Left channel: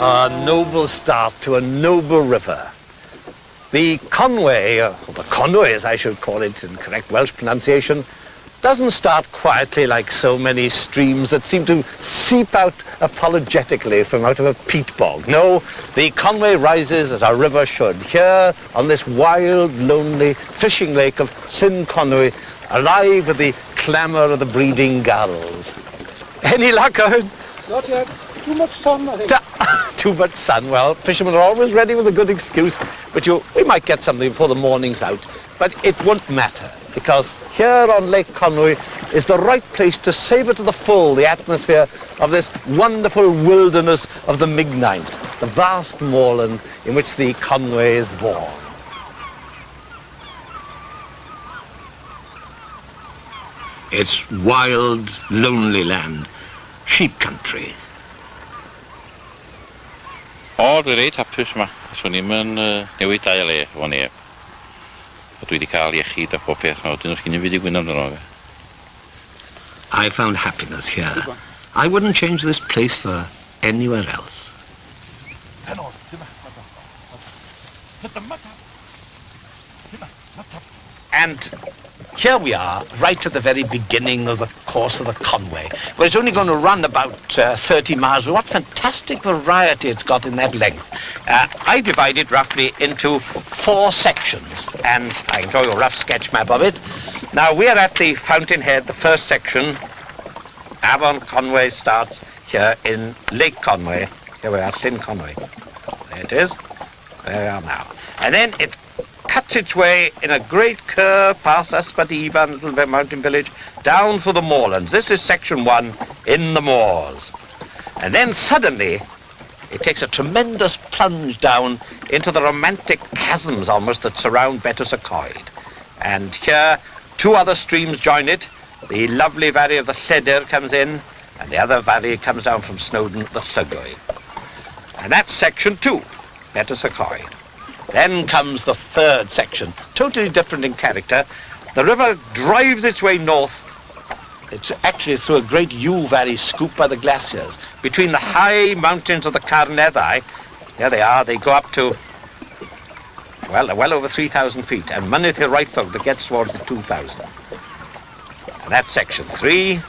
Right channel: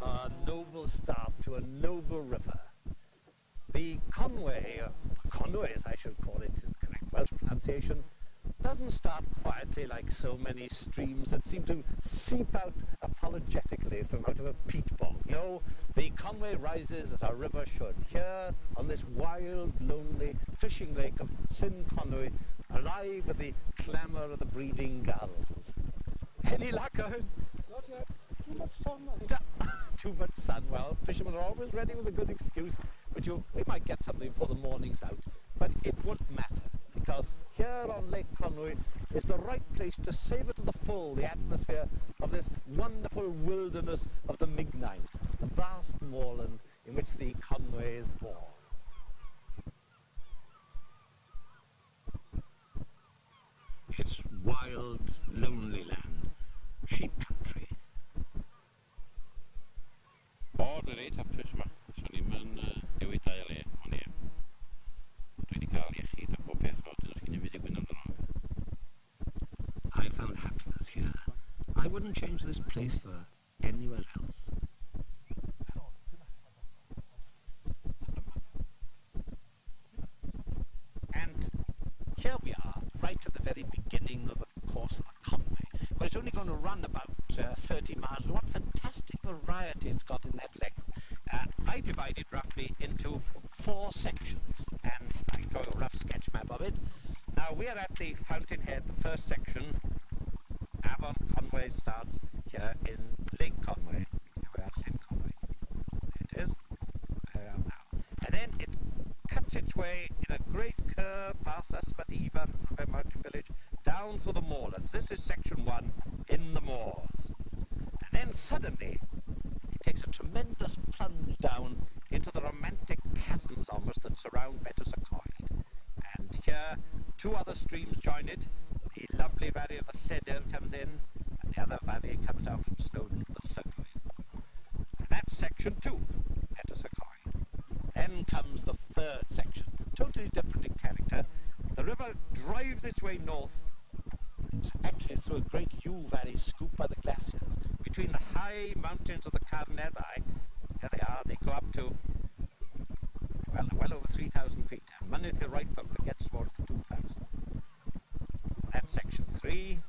A noble start to a noble river. The Conwy, or the Conwy as I should call it in correct Welsh pronunciation, doesn't start quietly like so many streams that seem to seep out apologetically from out of a peat bog. No, the Conwy rises as a river should, here on this wild, lonely fishing lake of Llyn Conwy, alive with the clamour of the breeding gulls. Any luck, Owen? Not yet. Too much sun, I think. Too much sun. Well, fishermen are always ready with a good excuse, but we might get something before the morning's out. But it won't matter, because here on Lake Conwy is the right place to savour to the full the atmosphere of this wonderful wilderness of the Mignaint, the vast moorland in which the Conwy is born. It's wild, lonely land, sheep country. O, dwi'n reit hapus yma. Swn i'm yn newid dau le o neb. Dwi wedi cael iechyd a pob peth. Dyn nhw'n sgyn i fyd i gwyn amdano fe. I found happiness here. I wouldn't change this place for anywhere else. And here we are, right at the very beginning of the course of the Conwy, where it's only going to run about 30 miles. But what fantastic variety it's got in that length. I divide it roughly into 4 sections, and I can draw you a rough sketch map of it. Now, we are at the fountainhead, the first section. Avon Conwy starts here in Lake Conwy. Here we are, Llyn Conwy. There it is. There we are now. And then it cuts its way in a great curve past Ysbyddiban, little mountain village, down through the moorlands. This is section 1, in the moors. And then suddenly, it takes a tremendous plunge down into the romantic chasms almost that surround Betws-y-Coed. And here, 2 other streams join it. The lovely valley of the Llydyr comes in, and the other valley comes down from Snowdon, the Llygwy. And that's section 2, Betws-y-Coed. Then comes the 3rd section, totally different in character. The river drives its way north. It's actually through a great yew valley scooped by the glaciers. Between the high mountains of the Carneddau, there they are, they go up to, well over 3,000 feet. And Mynydd Hiraethog that gets towards the 2,000. And that's section 3.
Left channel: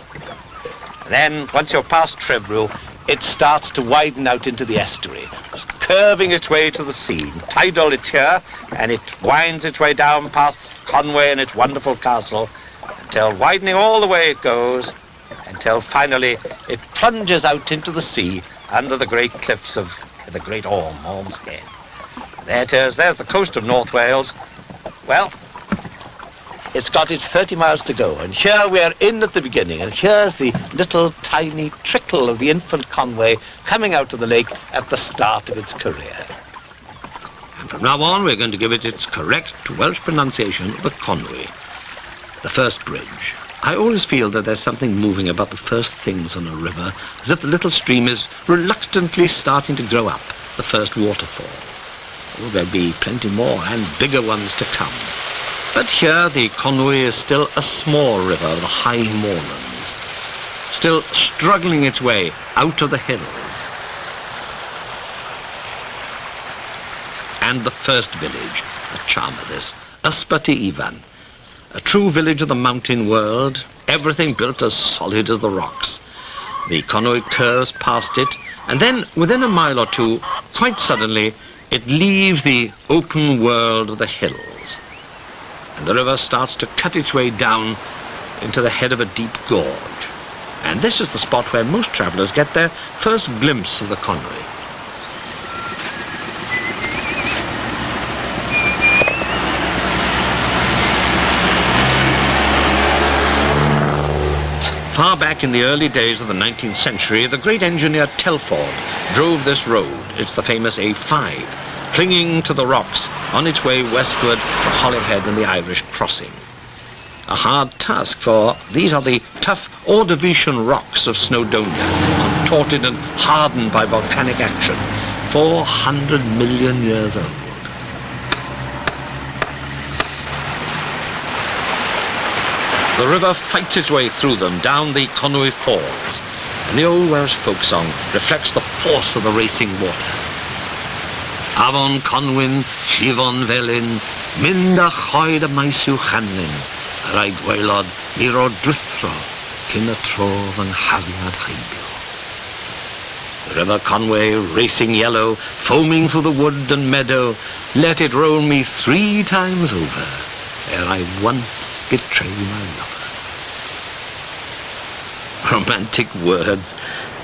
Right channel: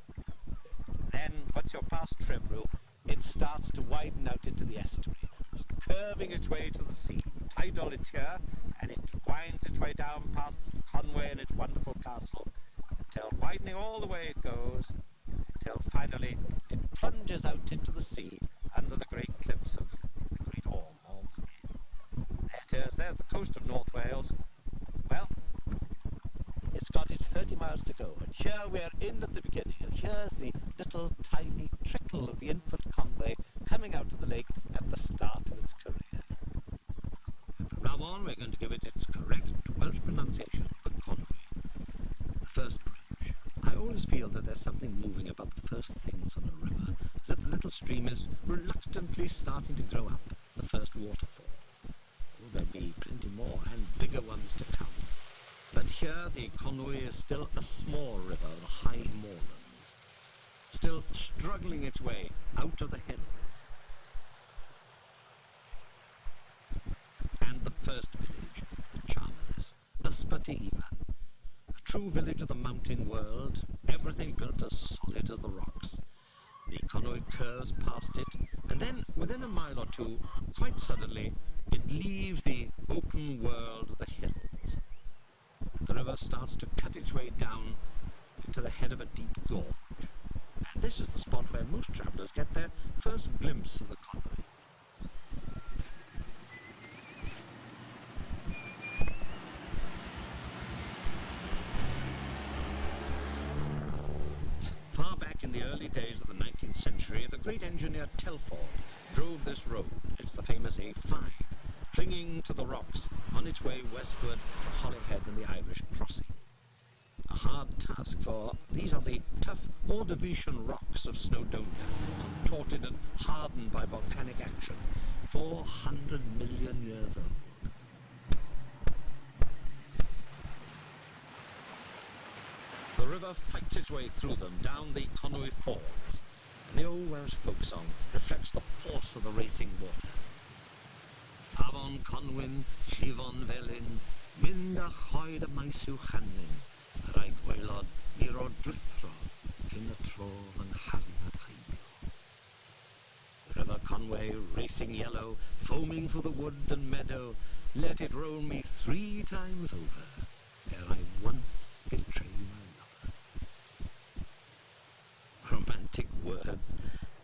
And then, once you're past Trebrw, it starts to widen out into the estuary, curving its way to the sea. Tidal it's here, and it winds its way down past Conwy and its wonderful castle, until widening all the way it goes, until finally it plunges out into the sea under the great cliffs of the Great Orm's Head. There it is, there's the coast of North Wales. Well, it's got its 30 miles to go, and here we are in at the beginning, and here's the little tiny trickle of the infant Conwy coming out of the lake at the start of its career. And from now on, we're going to give it its correct Welsh pronunciation, the Conwy, the first bridge. I always feel that there's something moving about the first things on a river, as if the little stream is reluctantly starting to grow up, the first waterfall. Oh, there'll be plenty more and bigger ones to come. But here the Conwy is still a small river of the high moorlands, still struggling its way out of the hills. And the first village, a charm of this, Ysbyddiban, a true village of the mountain world, everything built as solid as the rocks. The Conwy curves past it, and then within a mile or 2, quite suddenly, it leaves the open world of the hills. And the river starts to cut its way down into the head of a deep gorge. And this is the spot where most travellers get their first glimpse of the Conwy. Far back in the early days of the 19th century, the great engineer Telford drove this road. It's the famous A5, clinging to the rocks on its way westward to Holyhead and the Irish crossing. A hard task, for these are the tough Ordovician rocks of Snowdonia, contorted and hardened by volcanic action, 400 million years old. The river fights its way through them down the Conwy Falls, And the old Welsh folk song reflects the force of the racing water. Afon Conwy, llifon felyn, mynd a choed y maes i'w chanlyn, yr ai gwaelod mi ro drithro, cyn y tro fy nghariad heibio. The river Conwy, racing yellow, foaming through the wood and meadow, let it roll me 3 times over, ere I once betray my lover. Romantic words,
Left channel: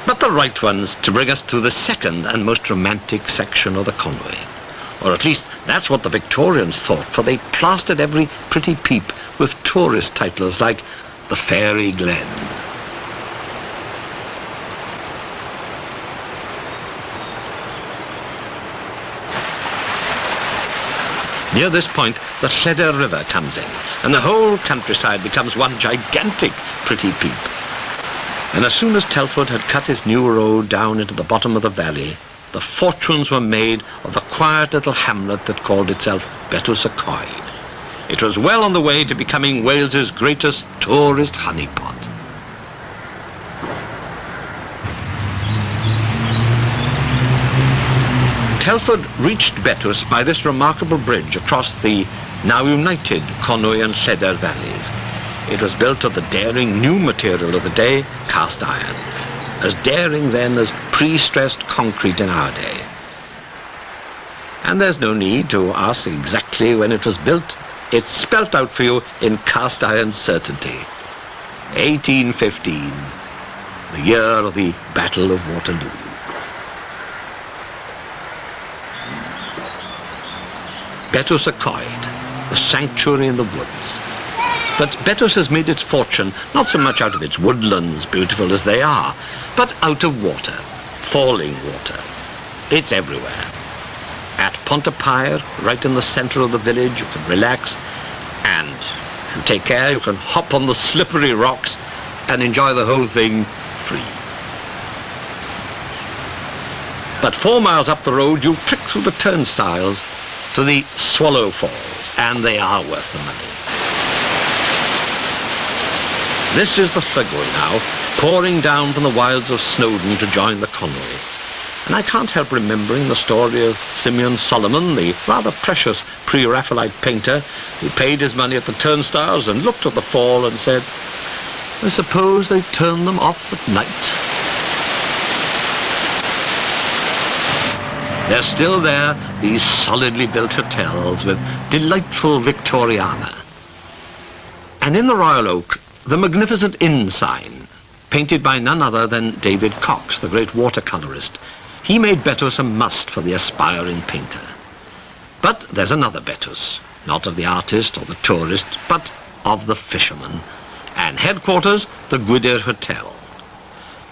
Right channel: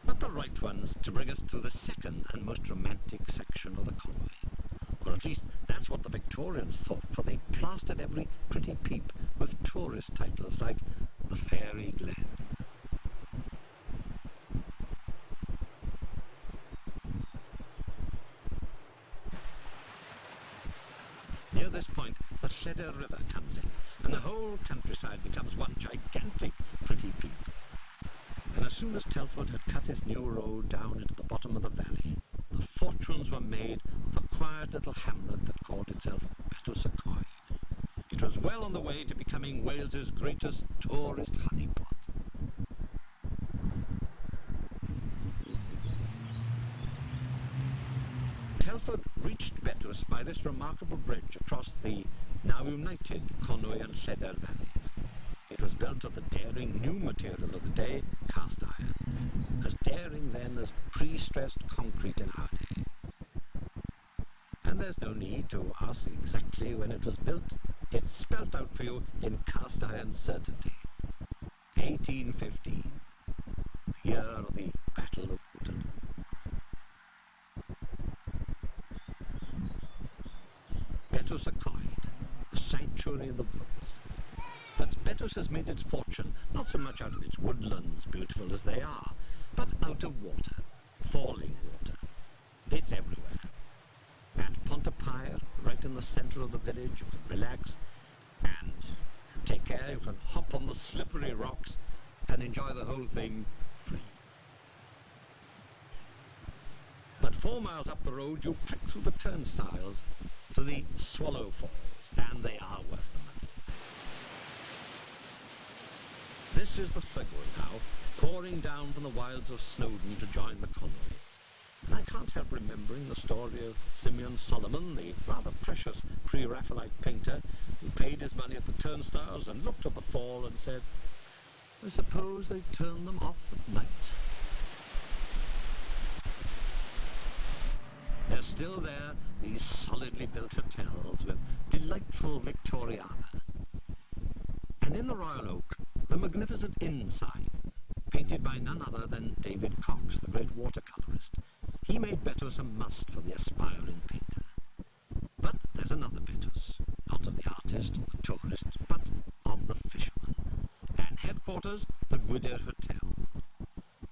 but the right ones to bring us to the second and most romantic section of the Conwy. Or at least that's what the Victorians thought, for they plastered every pretty peep with tourist titles like the Fairy Glen. Near this point, the Llydaw River comes in, and the whole countryside becomes one gigantic pretty peep. And as soon as Telford had cut his new road down into the bottom of the valley, the fortunes were made of the quiet little hamlet that called itself Betws-y-Coed. It was well on the way to becoming Wales's greatest tourist honeypot. Telford reached Betws by this remarkable bridge across the now united Conwy and Llydaw valleys. It was built of the daring new material of the day, cast iron, as daring then as pre-stressed concrete in our day. And there's no need to ask exactly when it was built. It's spelt out for you in cast iron certainty. 1815, the year of the Battle of Waterloo. Betws-y-Coed, the sanctuary in the woods. But Betws has made its fortune not so much out of its woodlands, beautiful as they are, but out of water, falling water. It's everywhere. At Pontypaer, right in the centre of the village, you can relax, and if you take care, you can hop on the slippery rocks and enjoy the whole thing free. But 4 miles up the road, you trick through the turnstiles to the Swallow Falls, and they are worth the money. This is the Llygwy now, pouring down from the wilds of Snowdon to join the Conwy. And I can't help remembering the story of Simeon Solomon, the rather precious pre-Raphaelite painter, who paid his money at the turnstiles and looked at the fall and said, "I suppose they turn them off at night." They're still there, these solidly built hotels with delightful Victoriana. And in the Royal Oak, the magnificent inn sign, painted by none other than David Cox, the great watercolourist. He made Betws a must for the aspiring painter. But there's another Betws, not of the artist or the tourist, but of the fisherman. And headquarters, the Gwydir Hotel.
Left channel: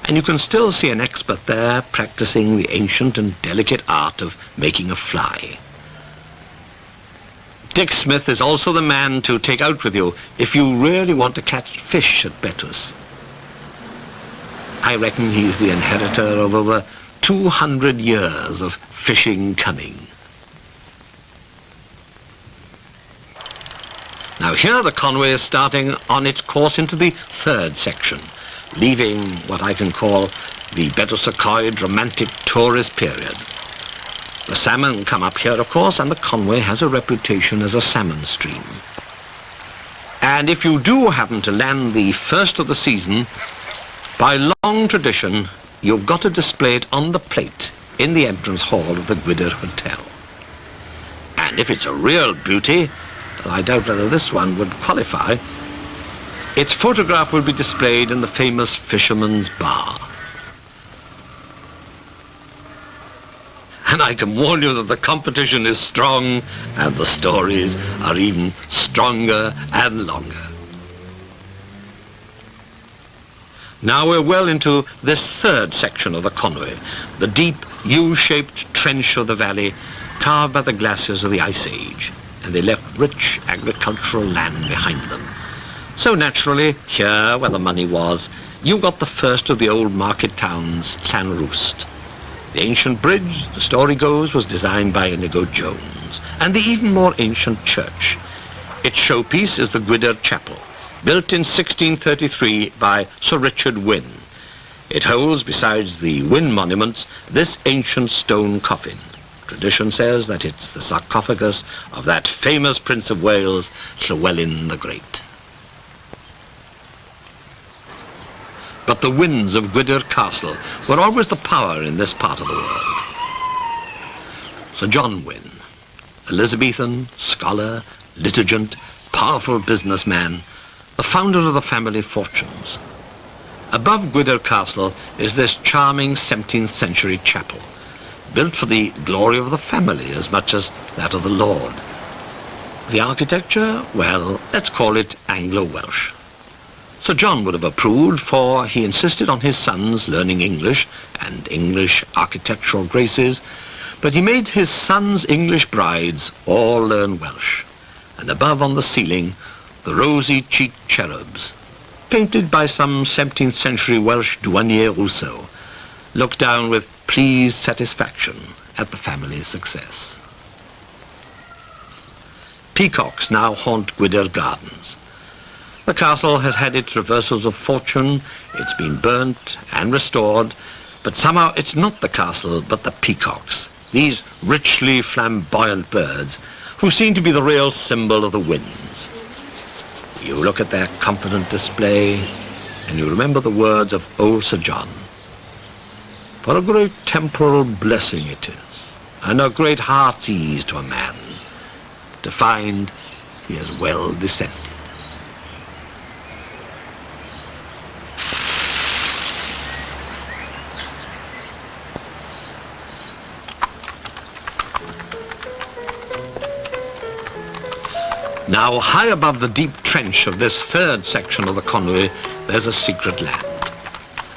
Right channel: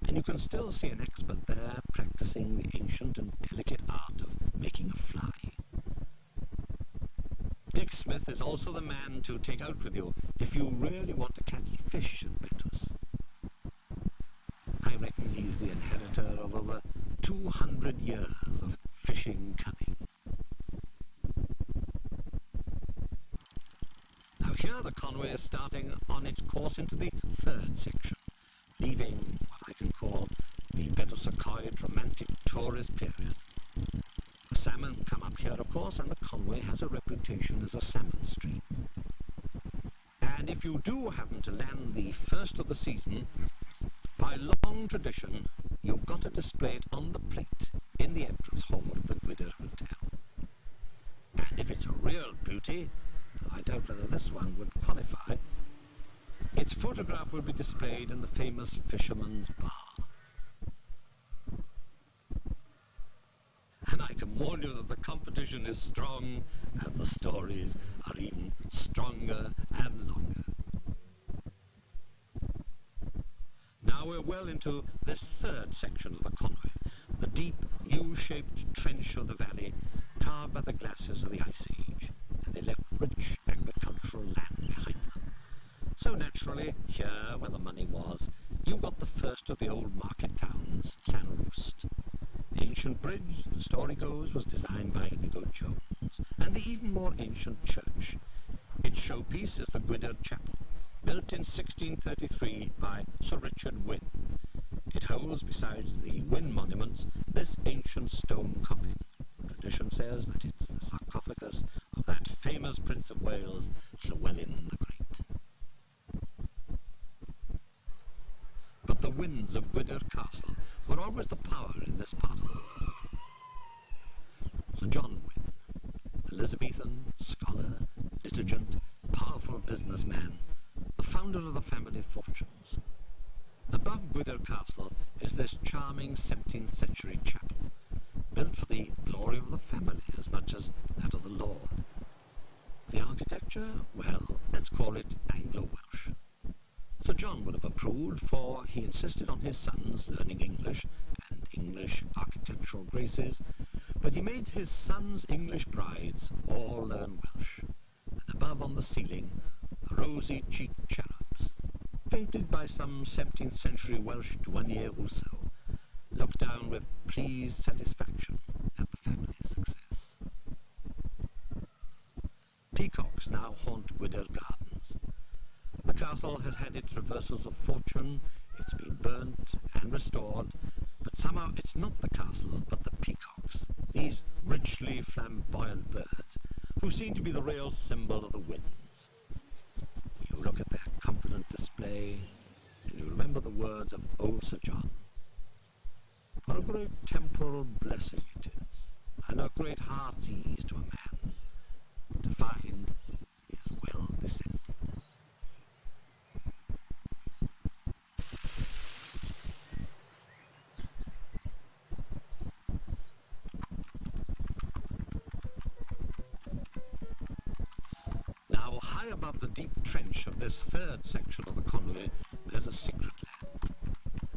And you can still see an expert there practicing the ancient and delicate art of making a fly. Dick Smith is also the man to take out with you if you really want to catch fish at Betws. I reckon he's the inheritor of over 200 years of fishing cunning. Now here the Conwy is starting on its course into the third section, leaving what I can call the Betws-y-Coed romantic tourist period. The salmon come up here, of course, and the Conwy has a reputation as a salmon stream. And if you do happen to land the first of the season, by long tradition, you've got to display it on the plate in the entrance hall of the Gwydir Hotel. And if it's a real beauty, I doubt whether this one would qualify, its photograph will be displayed in the famous Fisherman's Bar. And I can warn you that the competition is strong and the stories are even stronger and longer. Now we're well into this third section of the Conwy, the deep U-shaped trench of the valley carved by the glaciers of the Ice Age, and they left rich agricultural land behind them. So naturally, here where the money was, you got the first of the old market towns, Llanrwst. The ancient bridge, the story goes, was designed by Inigo Jones, and the even more ancient church. Its showpiece is the Gwydir Chapel, built in 1633 by Sir Richard Wynne. It holds, besides the Wynn monuments, this ancient stone coffin. Tradition says that it's the sarcophagus of that famous Prince of Wales, Llywelyn the Great. But the Wynns of Gwydir Castle were always the power in this part of the world. Sir John Wynn, Elizabethan, scholar, litigant, powerful businessman, the founder of the family fortunes. Above Gwydir Castle is this charming 17th century chapel, built for the glory of the family as much as that of the Lord. The architecture, well, let's call it Anglo-Welsh. Sir John would have approved, for he insisted on his sons learning English and English architectural graces, but he made his sons' English brides all learn Welsh, and above on the ceiling, the rosy-cheeked cherubs, painted by some 17th century Welsh douanier Rousseau, looked down with pleased satisfaction at the family's success. Peacocks now haunt Gwydir Gardens. The castle has had its reversals of fortune, it's been burnt and restored, but somehow it's not the castle but the peacocks, these richly flamboyant birds, who seem to be the real symbol of the winds. You look at their confident display, and you remember the words of old Sir John. For a great temporal blessing it is, and a great heart's ease to a man, to find he is well descended. Now, high above the deep trench of this third section of the Conwy, there's a secret land.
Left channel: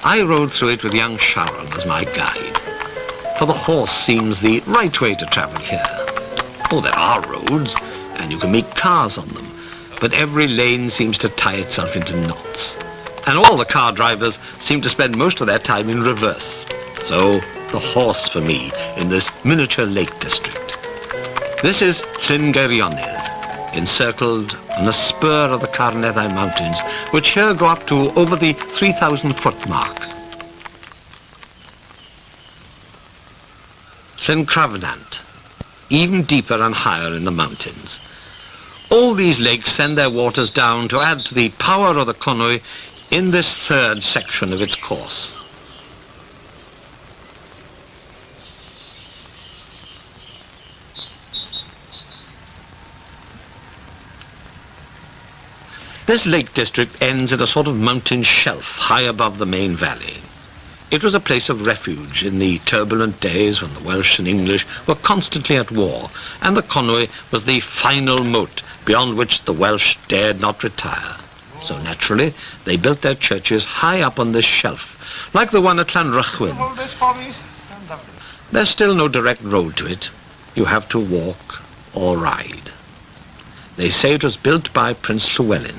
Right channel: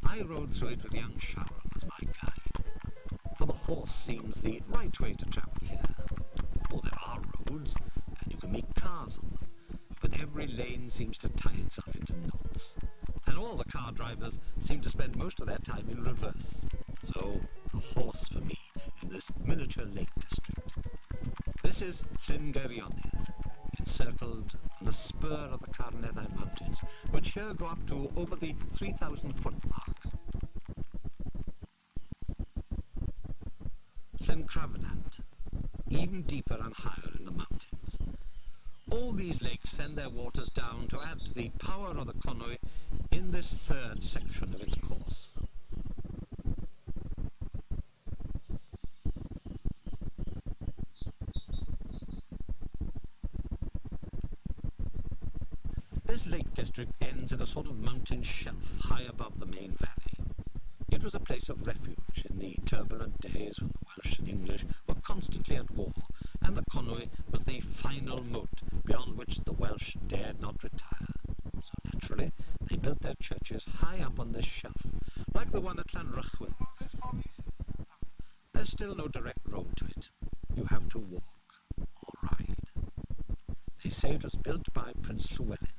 I rode through it with young Sharon as my guide, for the horse seems the right way to travel here. Oh, there are roads, and you can meet cars on them, but every lane seems to tie itself into knots, and all the car drivers seem to spend most of their time in reverse. So, the horse for me in this miniature lake district. This is Llyn Geirionydd, encircled on a spur of the Carneddau Mountains, which here go up to over the 3,000-foot mark. Llyn Cravnant, even deeper and higher in the mountains. All these lakes send their waters down to add to the power of the Conwy in this third section of its course. This lake district ends in a sort of mountain shelf high above the main valley. It was a place of refuge in the turbulent days when the Welsh and English were constantly at war, and the Conwy was the final moat beyond which the Welsh dared not retire. So naturally, they built their churches high up on this shelf, like the one at Llanrwchwyn. Hold this for me. There's still no direct road to it. You have to walk or ride. They say it was built by Prince Llywelyn,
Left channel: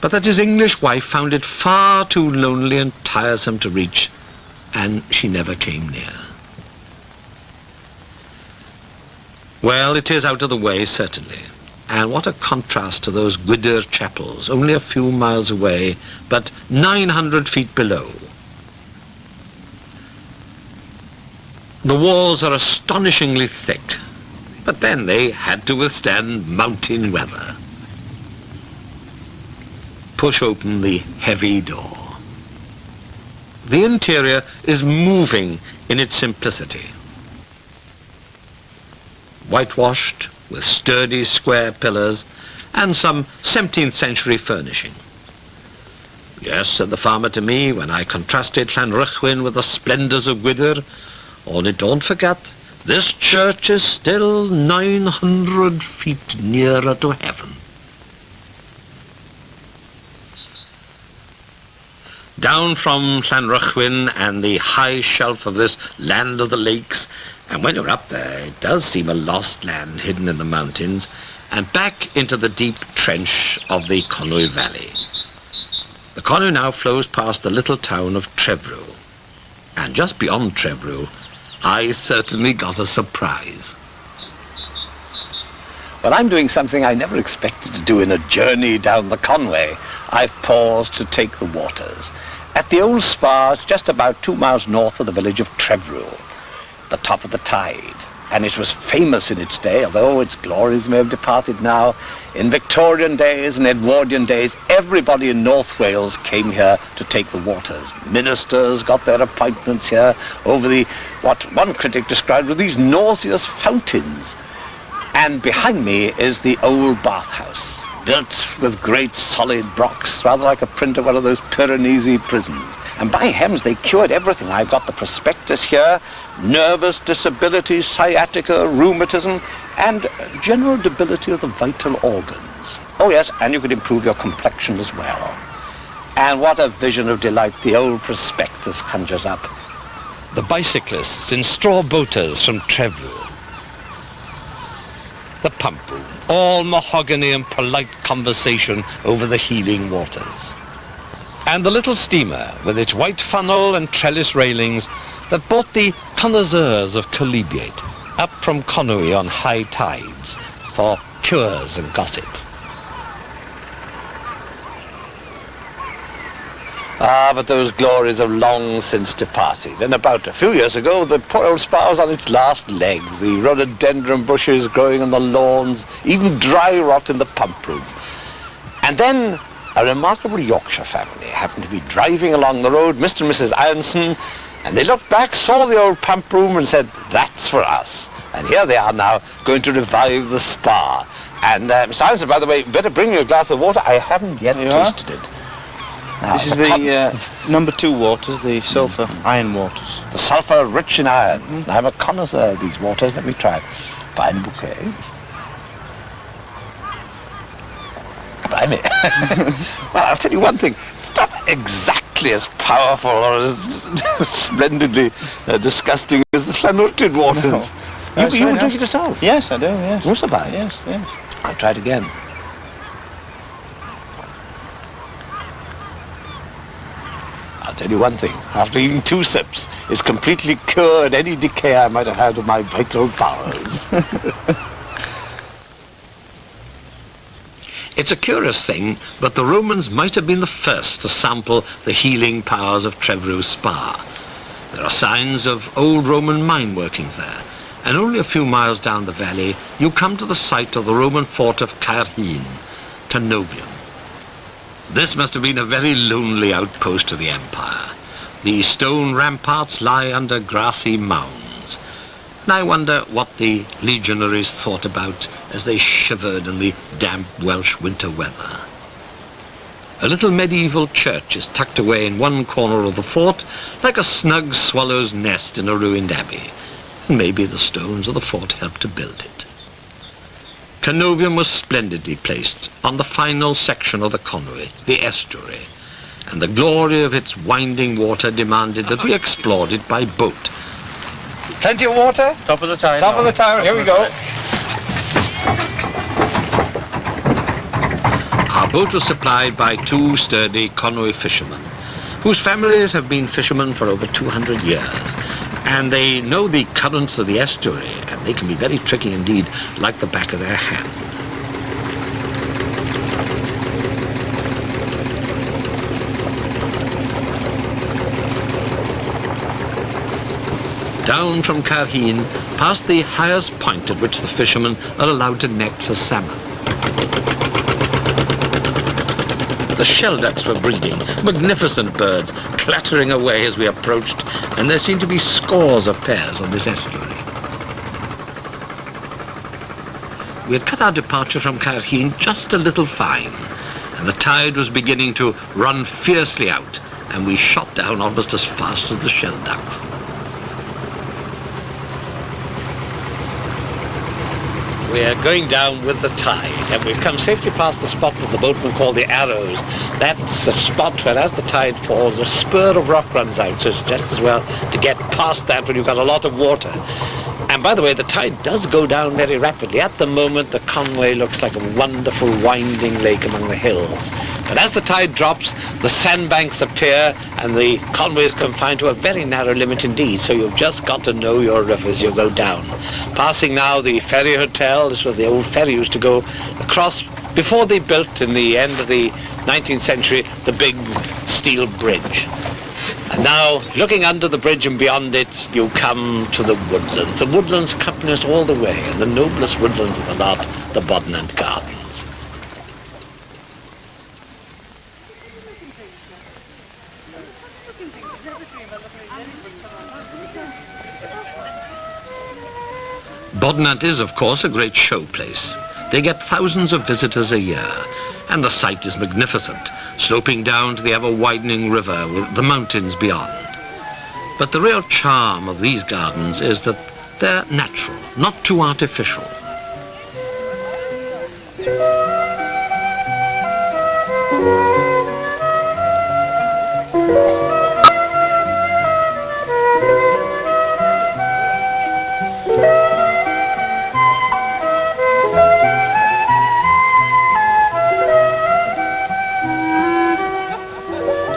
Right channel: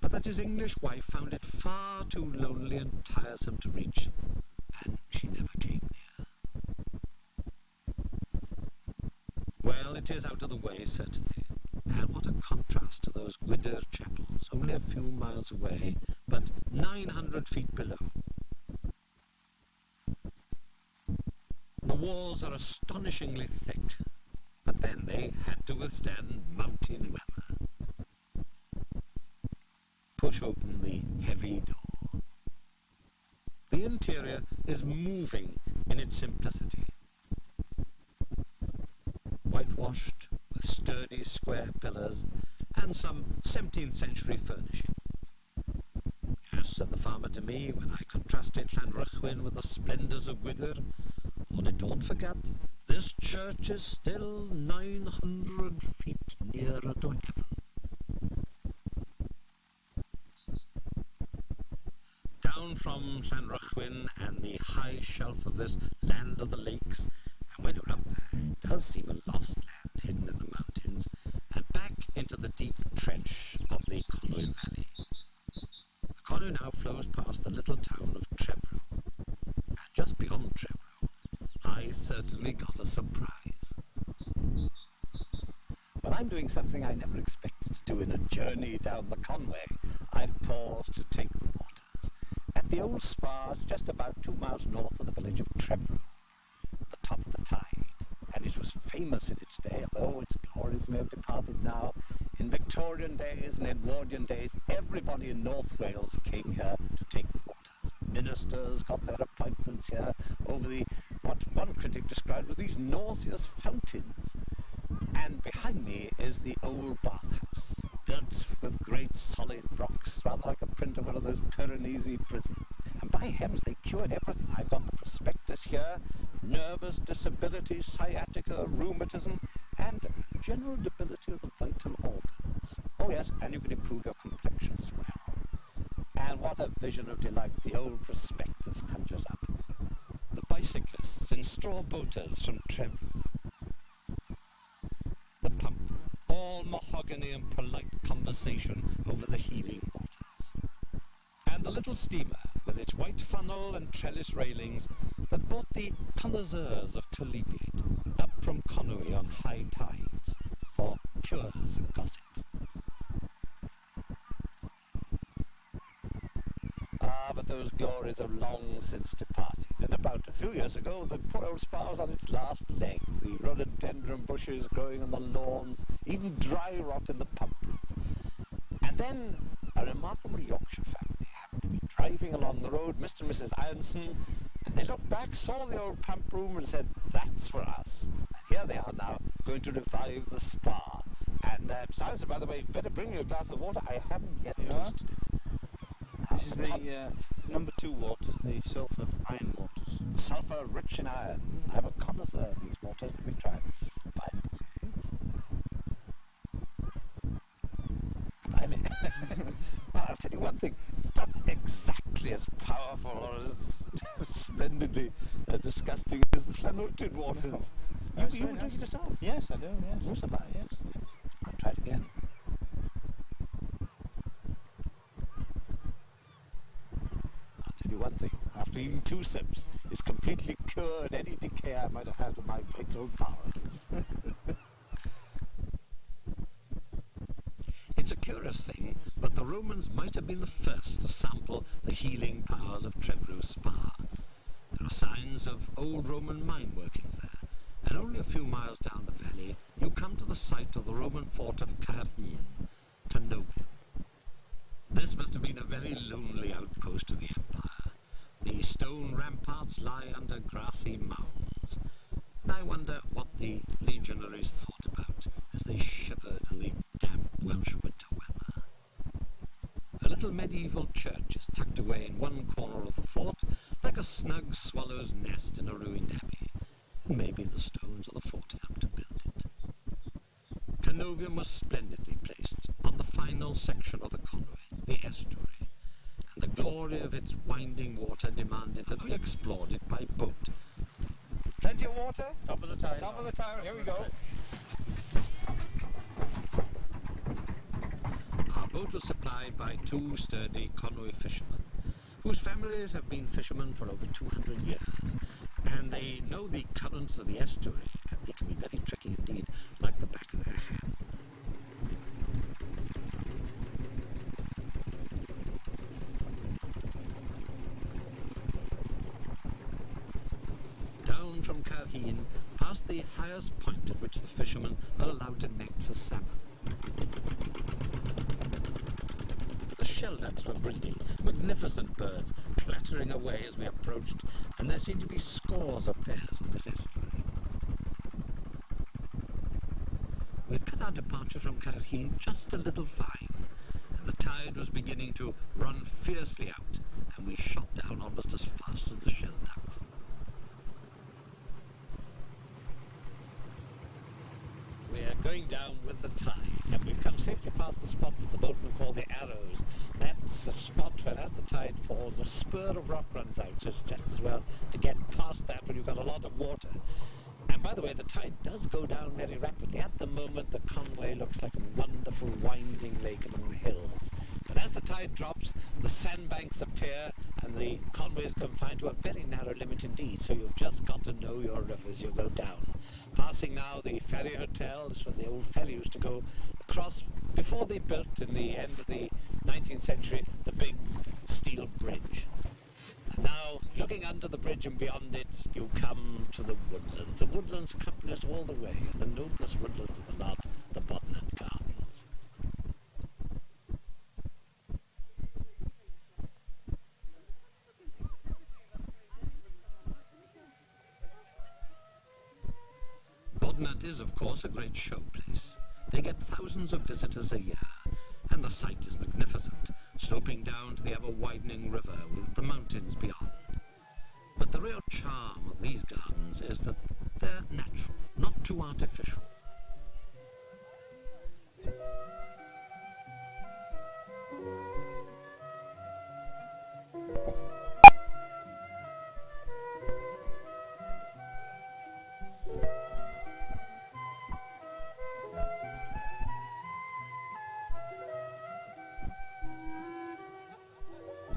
but that his English wife found it far too lonely and tiresome to reach, and she never came near. Well, it is out of the way, certainly, and what a contrast to those Gwydir chapels, only a few miles away, but 900 feet below. The walls are astonishingly thick, but then they had to withstand mountain weather. Push open the heavy door. The interior is moving in its simplicity. Whitewashed, with sturdy square pillars, and some 17th century furnishing. Yes, said the farmer to me, when I contrasted Llanrwchwyn with the splendours of Gwydir, only don't forget, this church is still 900 feet nearer to heaven. Down from Llanrwchwyn and the high shelf of this land of the lakes, and when you're up there, it does seem a lost land hidden in the mountains, and back into the deep trench of the Conwy Valley. The Conwy now flows past the little town of Trevrw, and just beyond Trevrw, I certainly got a surprise. Well, I'm doing something I never expected to do in a journey down the Conwy. I've paused to take the waters. at the old spa, it's just about 2 miles north of the village of Trevril, the top of the tide. And it was famous in its day, although its glories may have departed now. In Victorian days and Edwardian days, everybody in North Wales came here to take the waters. Ministers got their appointments here over what one critic described as these nauseous fountains. And behind me is the old bathhouse, built with great solid blocks, rather like a print of one of those Piranesi prisons. And by heavens, they cured everything. I've got the prospectus here, nervous disabilities, sciatica, rheumatism, and general debility of the vital organs. Oh yes, and you could improve your complexion as well. And what a vision of delight the old prospectus conjures up. The bicyclists in straw boaters from Trevril. The pump room, all mahogany and polite conversation over the healing waters. And the little steamer with its white funnel and trellis railings that brought the connoisseurs of chalybeate up from Conwy on high tides for cures and gossip. Ah, but those glories have long since departed. And about a few years ago, the poor old spa was on its last legs. The rhododendron bushes growing on the lawns, even dry rot in the pump room. And then a remarkable Yorkshire family happened to be driving along the road, Mr. and Mrs. Ironson, and they looked back, saw the old pump room and said, that's for us. And here they are now, going to revive the spa. And Mr. Ironson, by the way, better bring you a glass of water. I haven't yet tasted it. Now, this is the number 2 waters, the sulphur iron waters. The sulphur rich in iron. I'm a connoisseur of these waters. Let me try. Fine bouquet. Blimey. Well, I'll tell you one thing. It's not exactly as powerful or as splendidly disgusting as the Llanwrtyd waters. No. You would drink it yourself? Yes, I do, yes. Most of I. Yes, yes. I'll try it again. I'll tell you one thing. After eating 2 sips, it's completely cured any decay I might have had of my vital powers. It's a curious thing, but the Romans might have been the first to sample the healing powers of Trevril Spa. There are signs of old Roman mine workings there, and only a few miles down the valley you come to the site of the Roman fort of Caerhun, Canovium. This must have been a very lonely outpost of the empire. The stone ramparts lie under grassy mounds. And I wonder what the legionaries thought about as they shivered in the damp Welsh winter weather. A little medieval church is tucked away in one corner of the fort, like a snug swallow's nest in a ruined abbey. And maybe the stones of the fort helped to build it. Canovium was splendidly placed on the final section of the Conwy, the estuary, and the glory of its winding water demanded that we explored it by boat. Plenty of water? Top of the tide. Top of the tide, here we go. Our boat was supplied by 2 sturdy Conwy fishermen, whose families have been fishermen for over 200 years. And they know the currents of the estuary, and they can be very tricky indeed, like the back of their hand. Down from Caerhun, past the highest point at which the fishermen are allowed to net for salmon. The shelducks were breeding, magnificent birds, clattering away as we approached, and there seemed to be scores of pairs on this estuary. We had cut our departure from Caerhun just a little fine, and the tide was beginning to run fiercely out, and we shot down almost as fast as the shelducks. We are going down with the tide, and we've come safely past the spot that the boatmen call the Arrows. That's a spot where, as the tide falls, a spur of rock runs out, so it's just as well to get past that when you've got a lot of water. And by the way, the tide does go down very rapidly. At the moment, the Conwy looks like a wonderful winding lake among the hills. But as the tide drops, the sandbanks appear, and the Conwy is confined to a very narrow limit indeed, so you've just got to know your river as you go down. Passing now the ferry hotel. This was the old ferry used to go across before they built, in the end of the 19th century, the big steel bridge. And now, looking under the bridge and beyond it, you come to the woodlands. The woodlands accompany us all the way, and the noblest woodlands of the lot, the Bodnant Gardens. Bodnant is, of course, a great show place. They get thousands of visitors a year, and the sight is magnificent, sloping down to the ever-widening river with the mountains beyond. But the real charm of these gardens is that they're natural, not too artificial.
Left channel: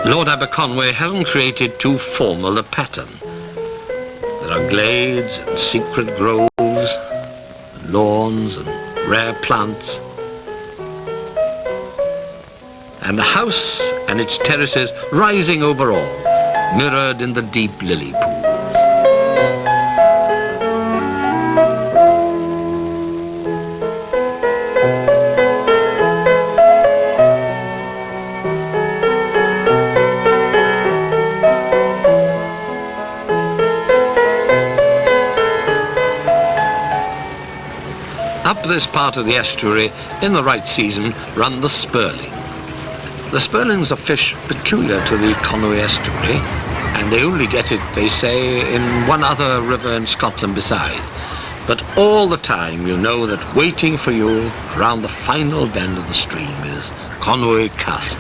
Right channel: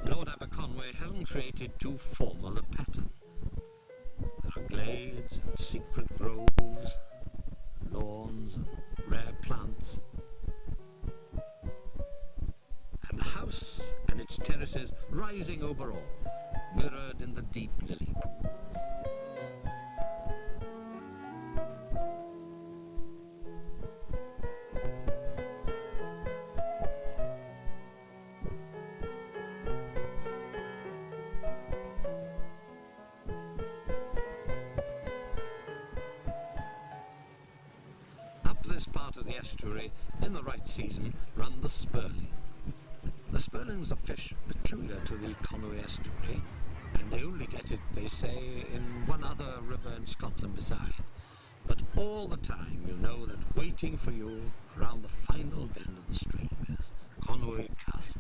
Lord Aberconwy hasn't created too formal a pattern. There are glades and secret groves, and lawns and rare plants. And the house and its terraces rising over all, mirrored in the deep lily pools. Up this part of the estuary, in the right season, run the spurling. The spurling's a fish peculiar to the Conwy estuary, and they only get it, they say, in one other river in Scotland beside. But all the time you know that waiting for you around the final bend of the stream is Conwy Castle.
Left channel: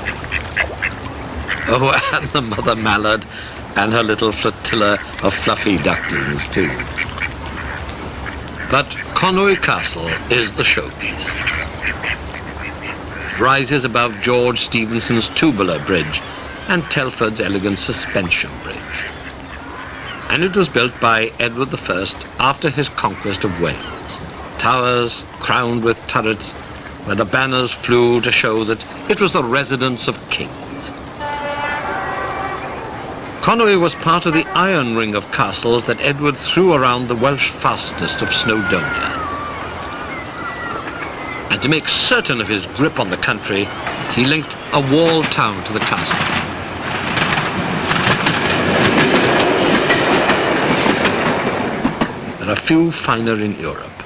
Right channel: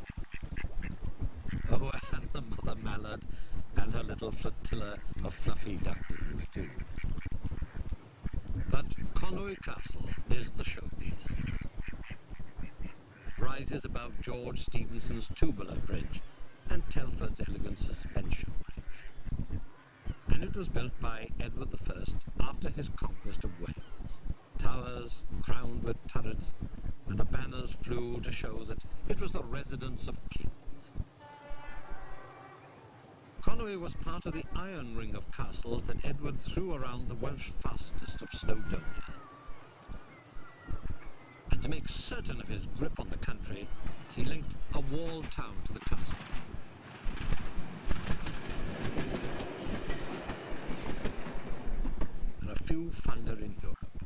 Oh, and the mother mallard and her little flotilla of fluffy ducklings too. But Conwy Castle is the showpiece. It rises above George Stephenson's tubular bridge and Telford's elegant suspension bridge. And it was built by Edward I after his conquest of Wales. Towers crowned with turrets where the banners flew to show that it was the residence of kings. Conwy was part of the iron ring of castles that Edward threw around the Welsh fastness of Snowdonia. And to make certain of his grip on the country, he linked a walled town to the castle. There are few finer in Europe.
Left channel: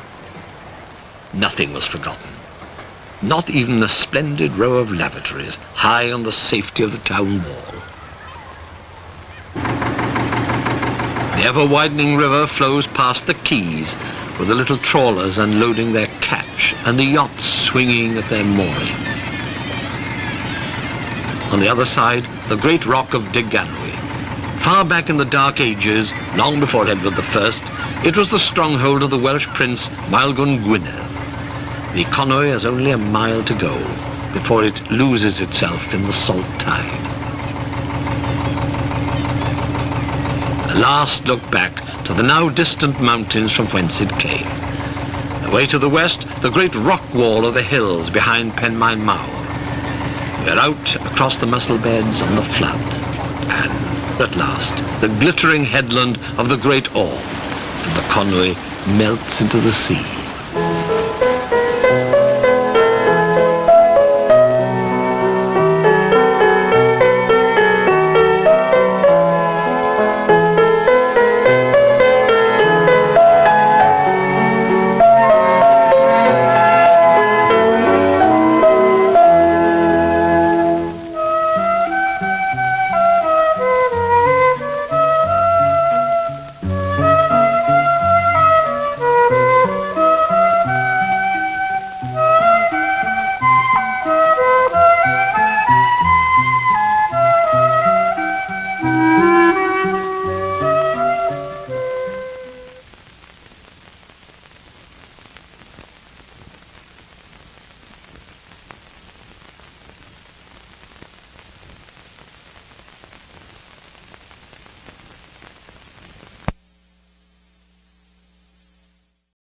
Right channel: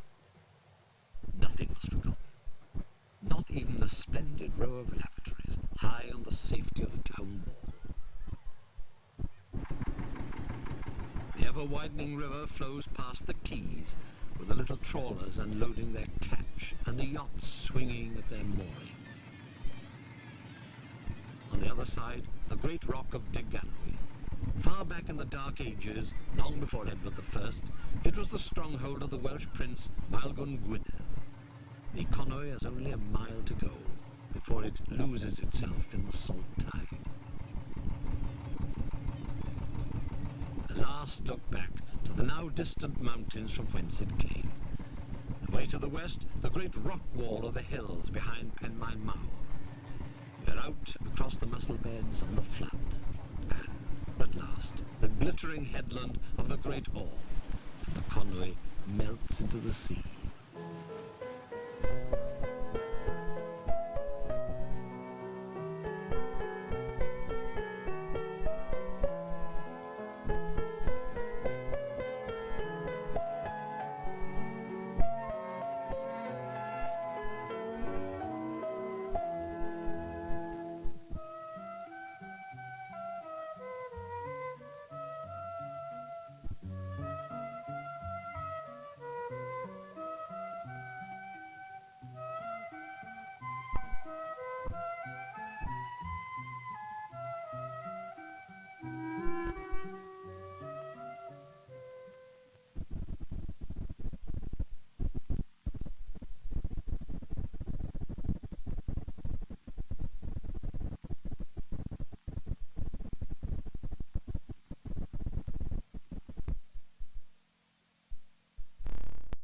Nothing was forgotten. Not even a splendid row of lavatories high on the safety of the town wall. The ever-widening river flows past the quays, with the little trawlers unloading their catch and the yachts swinging at their moorings. On the other side, the great rock of Deganwy. Far back in the Dark Ages, long before Edward I, it was the stronghold of the Welsh prince Maelgwn Gwynedd. The Conwy has only a mile to go before it loses itself in the salt tide. A last look back to the now distant mountains from whence it came. Away to the west, the great rock wall of the hills behind Penmaen Mawr. We are out across the mussel beds on the flood, and at last, the glittering headland of the Great Orme, and the Conwy melts into the sea.